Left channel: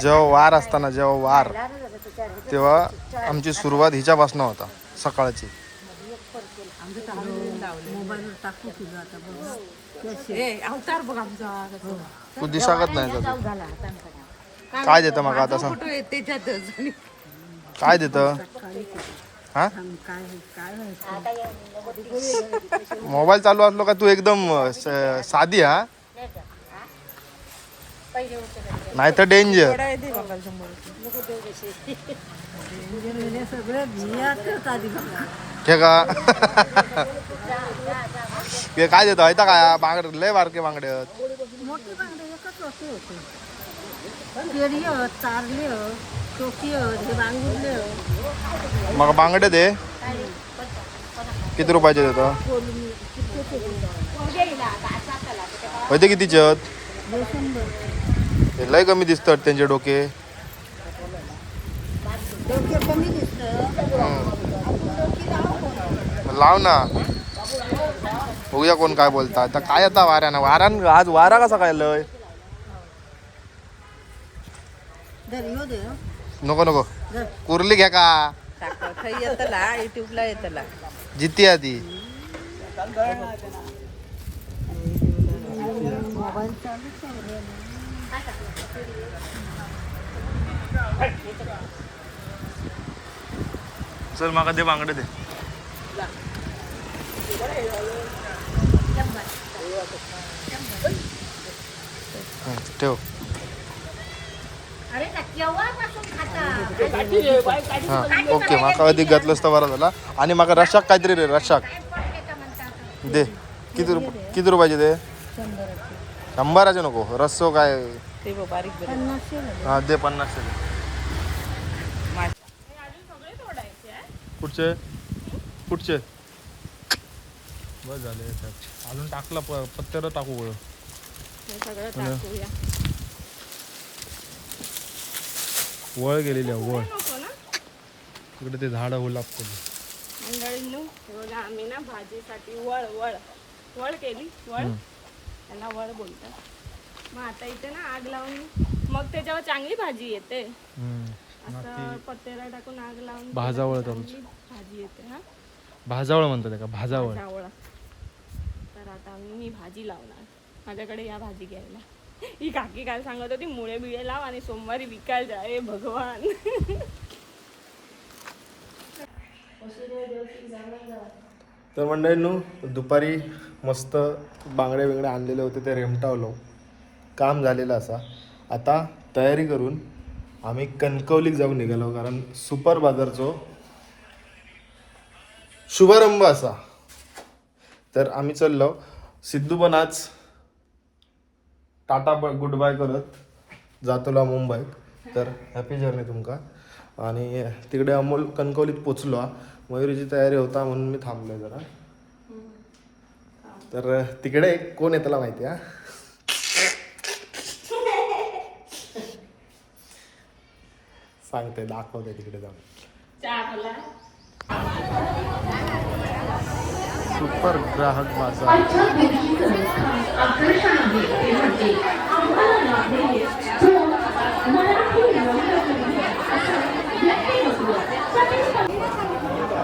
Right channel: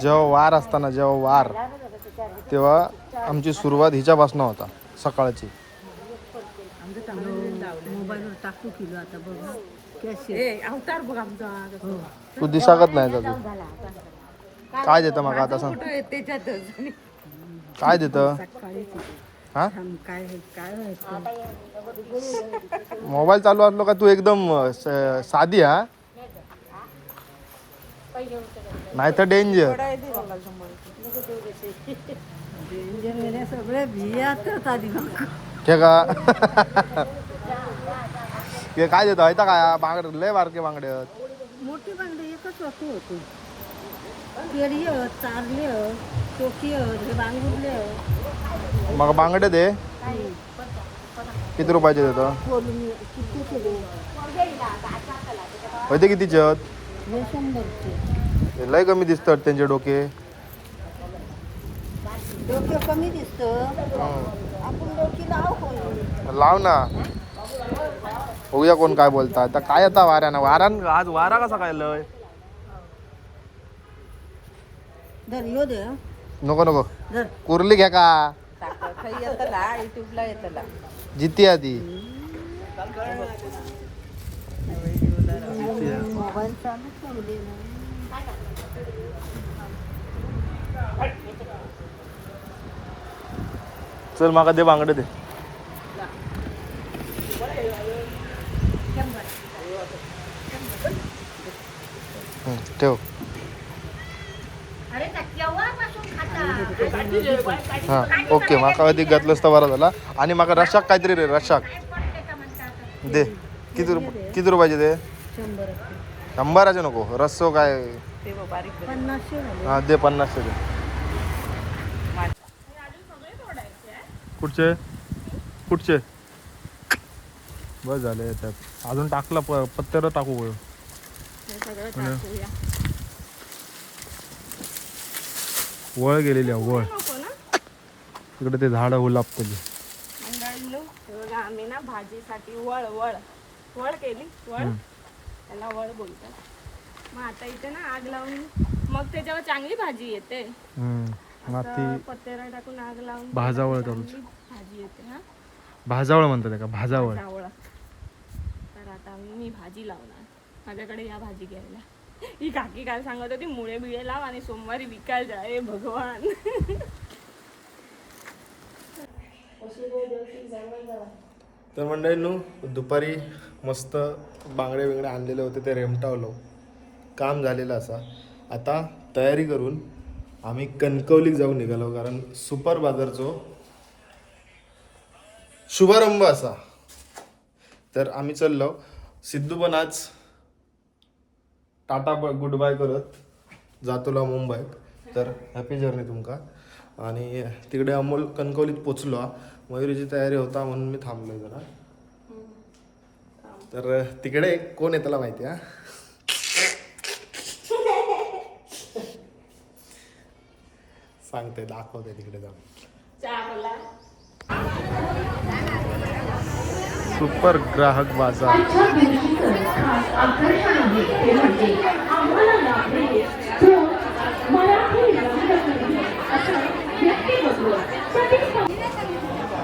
जेव्हा वार असताना जेव्हा वार तेव्हा आमची सुरुवात हिच्यापासून होता सकाळची. तू दिसाकत नाही तू काय देतं मग आता सांग काय देतं हा मोबाईल चालू असलो का तू एकदम साधी हा नाही तर डेंजर का काय देतो आहे काय बांगड लय बारके बांगडे मोठी बांगडे एकच वस्तू होती केळी चारले टोकी हे बांगुरले मग बांगडे दे किती रुपयाचे देतो होते कितीचे लय कमी दिसतात त्यांचे डोके कमी दिसत लाव ना बघूया कोण काय बोलता आता काय आता वाऱ्यानं आज वारा कसा काय लय नको नको कुर्ली घ्या का जिती आधी चल माका दे बांगडे दे ठेव हा ओके माका अधिक घातलंस तर बरा झाला आणि माका रशाक काहीतरी रे रशाक दे किती रुपयाचे दे 100चे नको रस्सो काय हा दे 50 दे कुठचे बस झाले त्यात अजून टाकला पत्त्यावर टाकू गो वळ गेलेली वळ तिकडे ते झाड हुलापतली बघा आम्ही ना भाजीसाठी वळ वळ वळ केली वळ त्याला वळ बोलतात मग आता इथे ना आग लावून मग त्याच्यावर चांगली भाजी येते पत्तेरा टाकून आग लावून भाजावळ भाजी येते हा भाजावळ म्हणतात का भाजावळ तर आता मी भाजी लावणार माझ्याकडे या भाजी घ्यायला ही काकी काय सांगत होती मुळे बिळे लाव आणि सोमवारी विकायला जा भगवान तर मंडळींनो दुपारी मस्त बांगडे बिंगडे आणलेले होते ते रेमटावलो काम झालेलं असा आता तयारी करून आम्ही कणकवलीक जाऊन निघालो कारण सुपर बाजारचो शुभारंभ असा तर आम्ही चाललो सिद्धू पण आज टाटा गुड बाय करत जातोला मुंबईत तर हॅपी जर्नी तुमका आणि तिकडे अमोल कणकवलीत पोचलो मयुरीची तयारी होता म्हणून मी थांबलोय जरा तर तिकडे कोण येताला माहिती हा सांगते दाखवते तिकडे जाऊन सुपर ग्राहक बाजार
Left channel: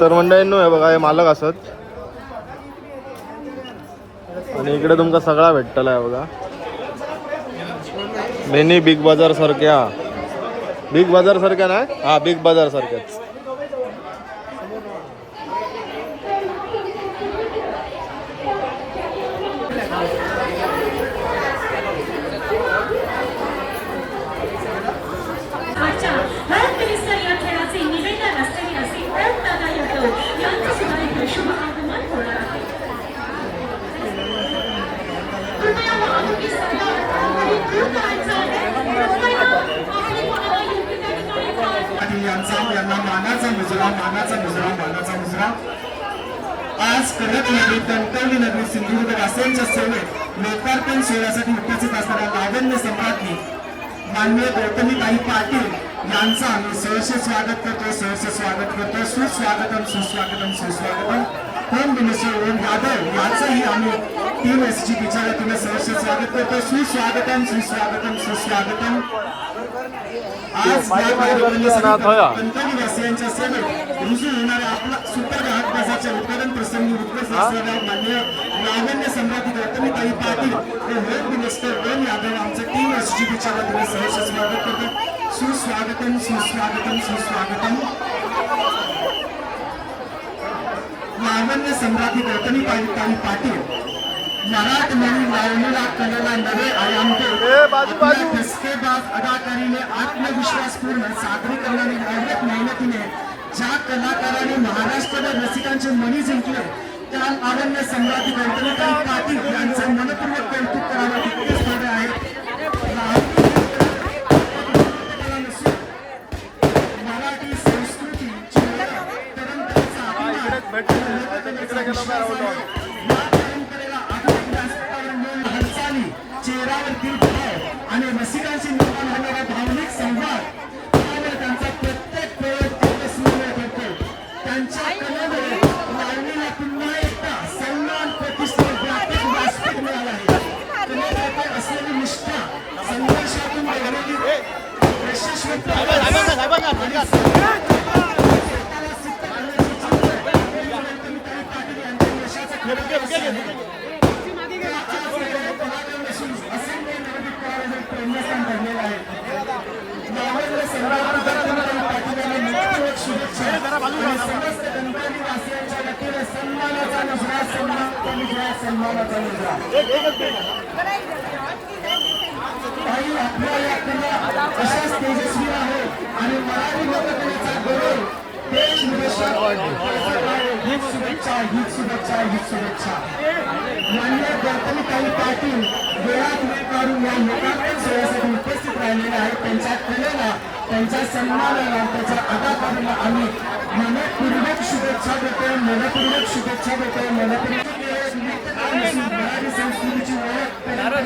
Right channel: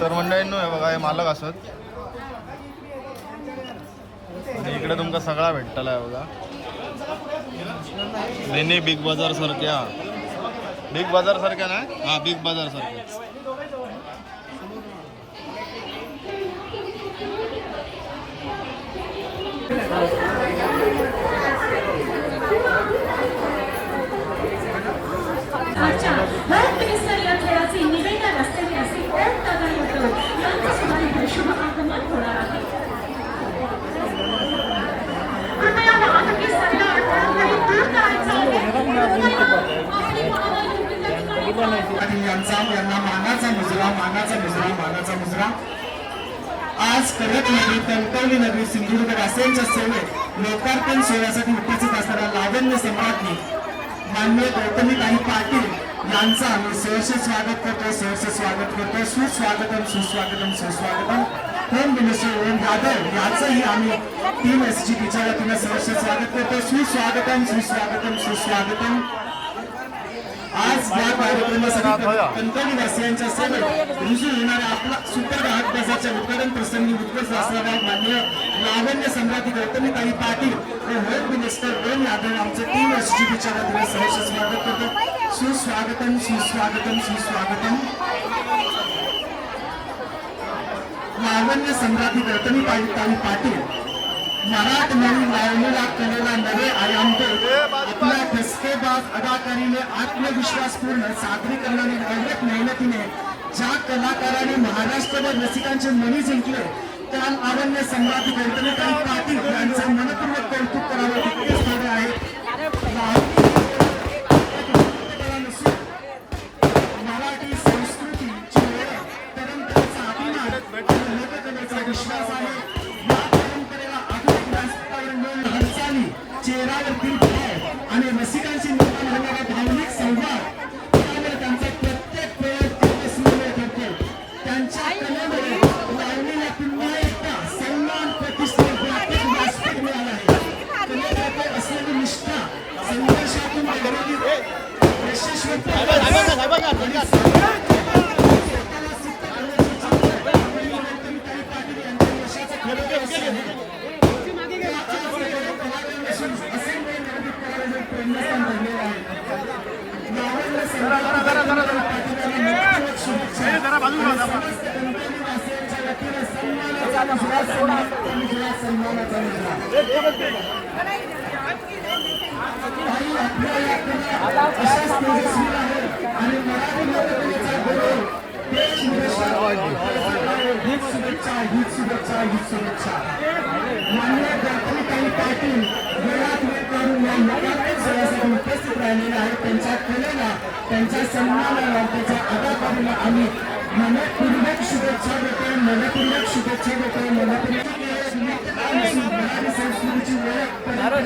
तर मंडळींनो हे बघा हे मालक असत आणि इकडे तुमका सगळा भेटतला आहे बघा लेनी बिग बाजार सारख्या ना हा बिग बाजार सारख्या मानाचा मुजरा आज कडक नगरी कणकवली नगरी सिंधुदुर्ग वासियांच्या सेवेत लोकार्पण सोहळ्यासाठी उपस्थित असणाऱ्या लावण्य सम्राज्ञी माननीय गौतमीताई पाटील यांचं आम्ही सहर्ष स्वागत करतो सुस्वागतम होम मिनिस्टर ओम यादव यांचंही आम्ही टीम SGPच्या वतीनं सहर्ष स्वागत करतो. सुस्वागतम सुस्वागतम सुस्वागतम. आज या कार्यक्रमासाठी कणकवली वासियांच्या सेवेत रुजू होणाऱ्या आपला सुपर ग्राहक बाजारच्या उद्घाटन प्रसंगी उपस्थित असणाऱ्या माननीय लावण्य सम्राटी गौतमीताई पाटील व होम मिनिस्टर ओम यादव आमचं टीम SGPच्या वतीनं सहर्ष स्वागत करतो. सुस्वागतम सुस्वागतम सुस्वागतम. लावण्य सम्राटी गौतमीताई पाटील मराठमोळी लावणीला कलेला नवे आयाम देत आपल्या ठसकेबाज अदाकारीने आत्मविश्वासपूर्ण सादरीकरणाने अविरत मेहनतीने ज्या कलाकाराने महाराष्ट्रभर रसिकांचे मनी जिंकले त्या लावण्य सम्राटी गौतमीताई पाटील यांचं मनपूर्वक कौतुक करावं तितकेच थोडे आहे. मराठी संस्कृतीची परंपरेचा अभिमान लोककलेचा विश्वास आहे. चेहऱ्यावरतील भाव आणि रसिकांशी निर्माण होणारा भावनिक संवाद यावर त्यांचा प्रत्येक प्रयोग अविस्मरणीय ठरतो. त्यांच्या कलेमुळे लावणीला पुन्हा एकदा सन्मान प्रतिष्ठा व्यापक व्यासपीठ मिळाला आहे. कलेप्रती असलेली निष्ठा संघर्षातून घडवलेली यशस्वीता अशाच तेजस्वी आहे आणि मराठी लोककलेचा गौरव देश हीच शुभेच्छा हीच शुभेच्छा हीच शुभेच्छा. माननीय गौतमीताई पाटील वेळात वेळ काढून या लोकांच्या सोहळ्यासाठी उपस्थित राहिलेले आहेत. त्यांच्या कलेला त्यांच्या सन्मानाला त्यांच्या अदाकाराला आम्ही मनपूर्वक शुभेच्छा देतो मनपूर्वक शुभेच्छा देतो मनपूर्वक. मराठी संस्कृतीची ओळख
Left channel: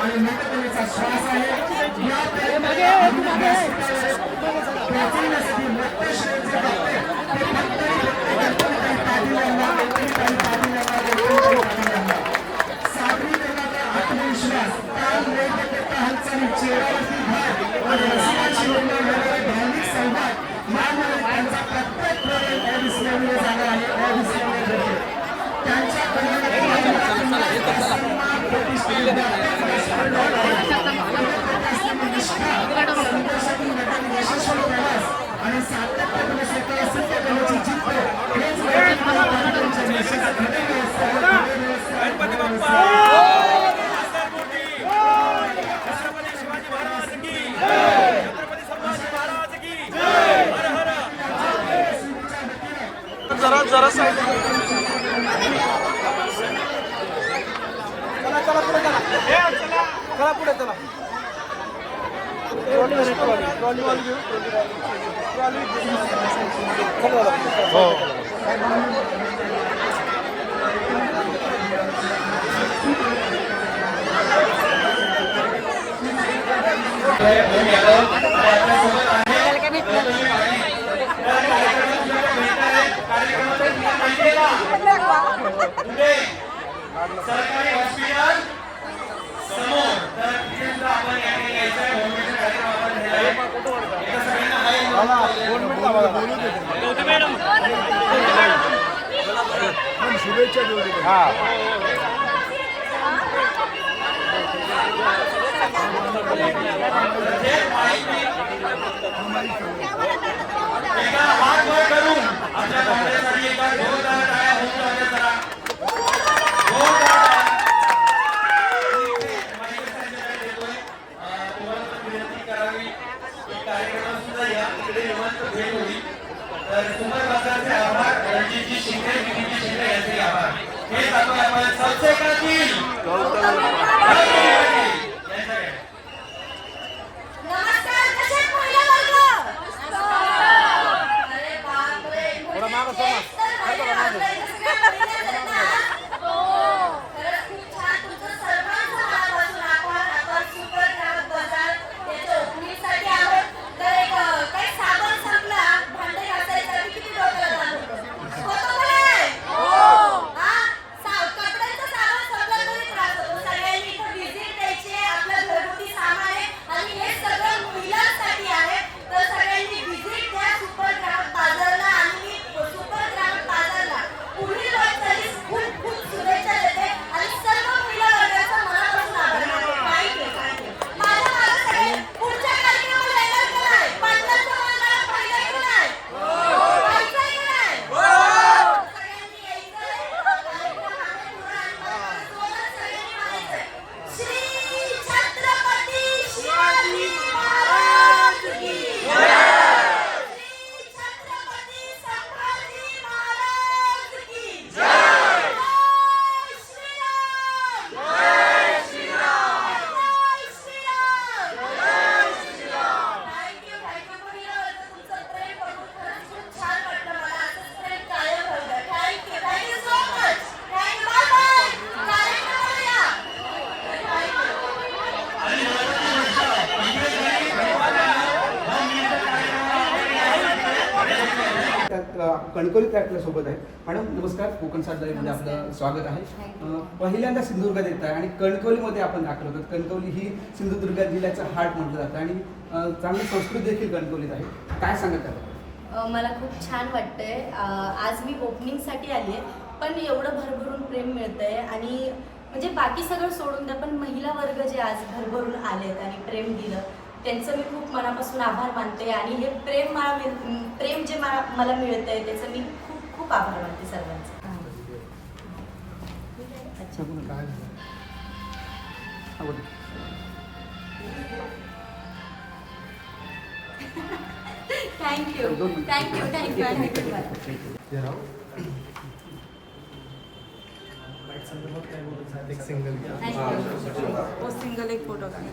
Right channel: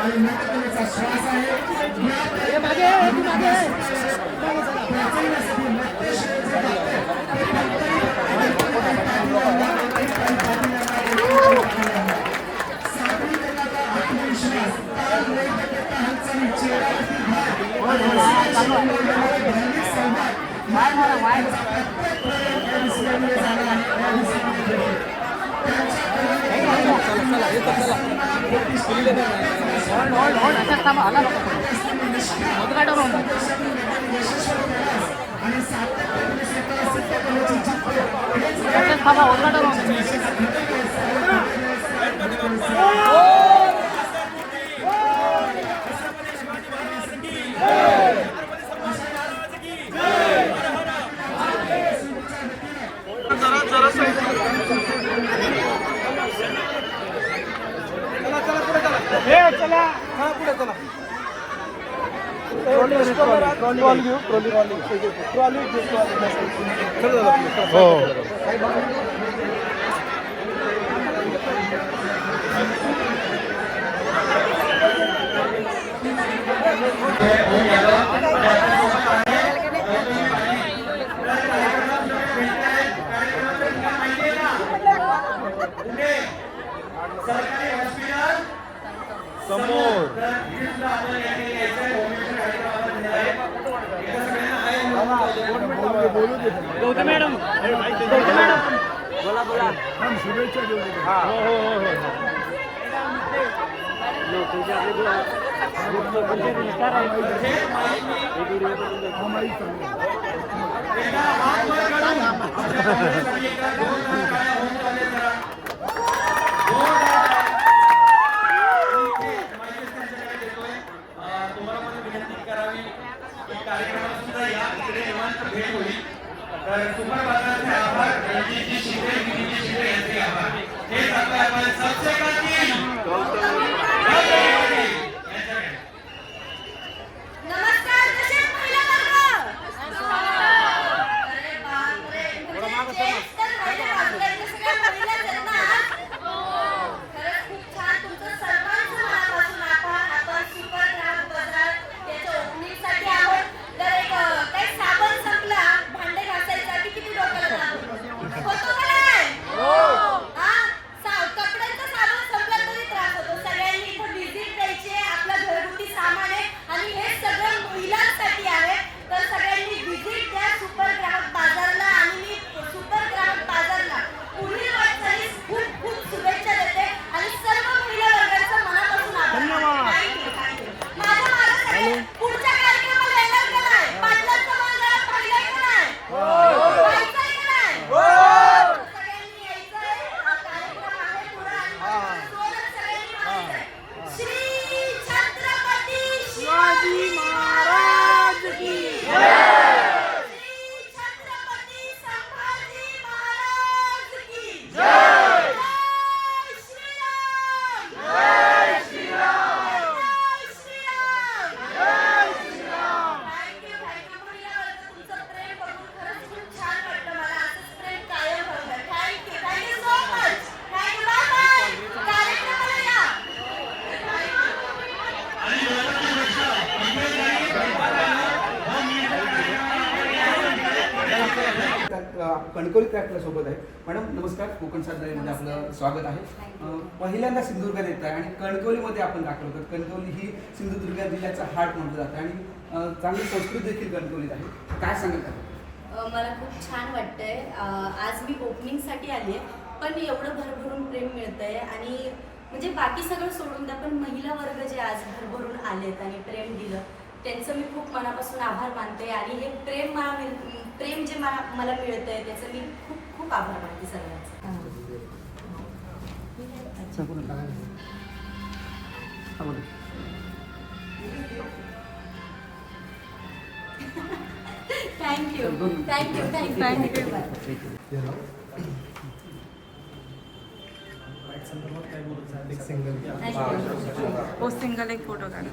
आणि लोककलेचा श्वास आहे. सादरीकरणाचा आत्मविश्वास हालचाली चेहऱ्यावरती भाव आणि रसिकांशी निर्माण होणारे भावनिक संवाद यामुळे त्यांचा प्रत्येक प्रयोग अविस्मरणीय झाला आहे अविस्मरणीय ठरतो. त्यांच्या आणि सातत्याने स्वतः सिद्ध करण्याची जिद्द चला पुढे चला. सरकारी हॉस्पिटल समोर बोलू दे मॅडम. शुभेच्छा देऊ दे. एकदा हात वर करून आपल्या पाहुण्यासाठी एका नमस्कार कसे महिला वर्ग. अरे बापरे तेच तर पहिले वाजले सगळ्या महिलाच आहेत ना. हो खरंच खूप छान तुमचं सर्वांचं मनापासून आपण सुपर ग्राहक बाजार त्याच्या ओपनिंगसाठी आहोत. तर एक काही साबण संपला भांडे घासायसाठी किती डोक्याला ताण होतं. होतं का नाही. कणकवली आपल्या सोबत आहे. मॅडम नमस्कार, कोकण साधनालयमध्ये आपलं स्वागत आहे. पहिल्यांदा सिंधुदुर्गात येत आहे आणि कणकवलीमध्ये आपण दाखल होतो. कणकवली ही सिंधुदुर्ग जिल्ह्याचं हार्ट म्हटलं जातं आणि चांगली संस्कृती देखील कणकवलीत आहे. काय सांगत मला खूप छान वाटतंय. आज मी ओपनिंगसाठी आली आहे, पण एवढं भरभरून प्रेम मिळतंय आणि म्हणजे बाकी सगळं सोडून द्या, पण महिला वर्ग जे आज भरभरून आलेत आणि प्रेम दिलं त्यांचं मी खूप मनापासून आभार मानते. आणि हे प्रेम जे मला मिळतंय त्याचं मी खूप खूप आभार मानते सर्वांचं. थँक्यू. एक सिंगल हो सिंगल एक फोटो काढ.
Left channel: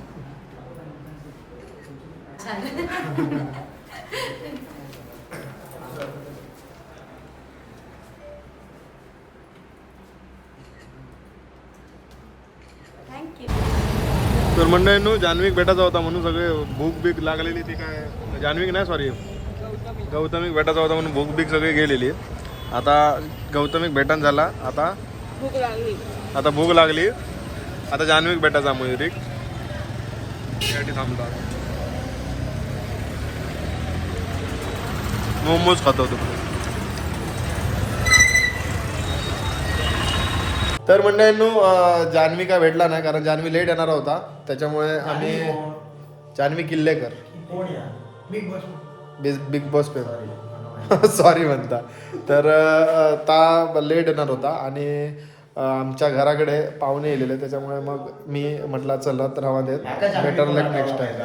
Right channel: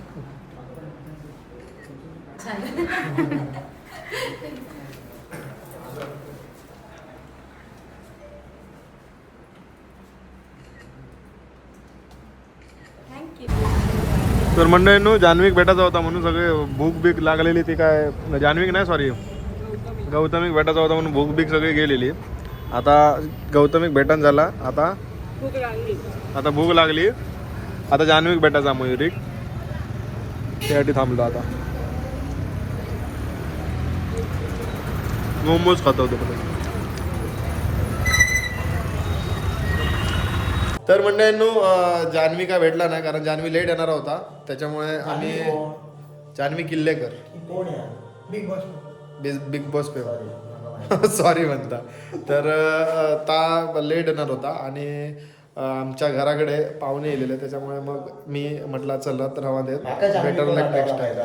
थँक्यू. तर मंडळींनो जान्हवीक भेटायचा होता म्हणून सगळे भूक बीक लागलेली ती काय जान्हवीक नाही सॉरी गौतमिक भेटायचा होता म्हणून भूक बीक सगळी गेलेली. आता गौतमिक भेटण झाला, आता भूक लागली. भूक लागली. आता जान्हवीक भेटायचा मयुरिक त्यासाठी थांबलो. आता मोमोज खात होतो पुढे. तर मंडळींनो जान्हवी काय भेटला नाही कारण जान्हवी लेट येणार होता, त्याच्यामुळे आम्ही Jahnavi Killekar Bigg Boss paper sorry म्हणता तर ता लेट येणार होता आणि आमच्या घराकडे पाहुणे येलेले, त्याच्यामुळे मग मी म्हटलं चलत राहा देत बेटर लक नेक्स्ट टाइम.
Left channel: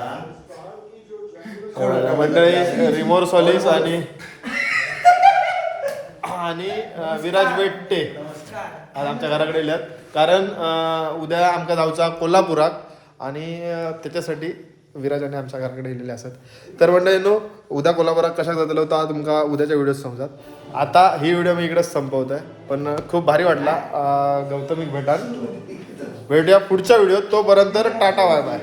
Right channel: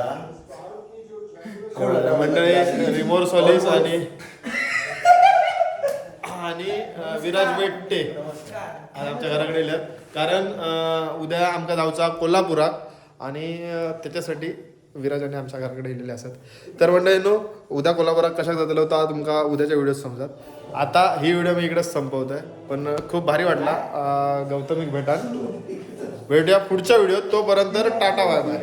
मंडळी रिमोर सॉलिस आणि विराज बेट्टे आज आमच्या घराकडे येल्यात कारण उद्या आमका जाऊचा कोल्हापुरात आणि त्याच्यासाठी विराजाने आमच्या घराकडे येलेले असतात. तर मंडळींनो उद्या कोल्हापुरात कशाक जातलो होता तुमका उद्याच्या व्हिडिओत समजात. आता ही व्हिडिओ मी इकडेच संपवत आहे, पण खूप भारी वाटला गौतमिक भेटान. भेटूया पुढच्या व्हिडिओत, तोपर्यंत टाटा बाय बाय.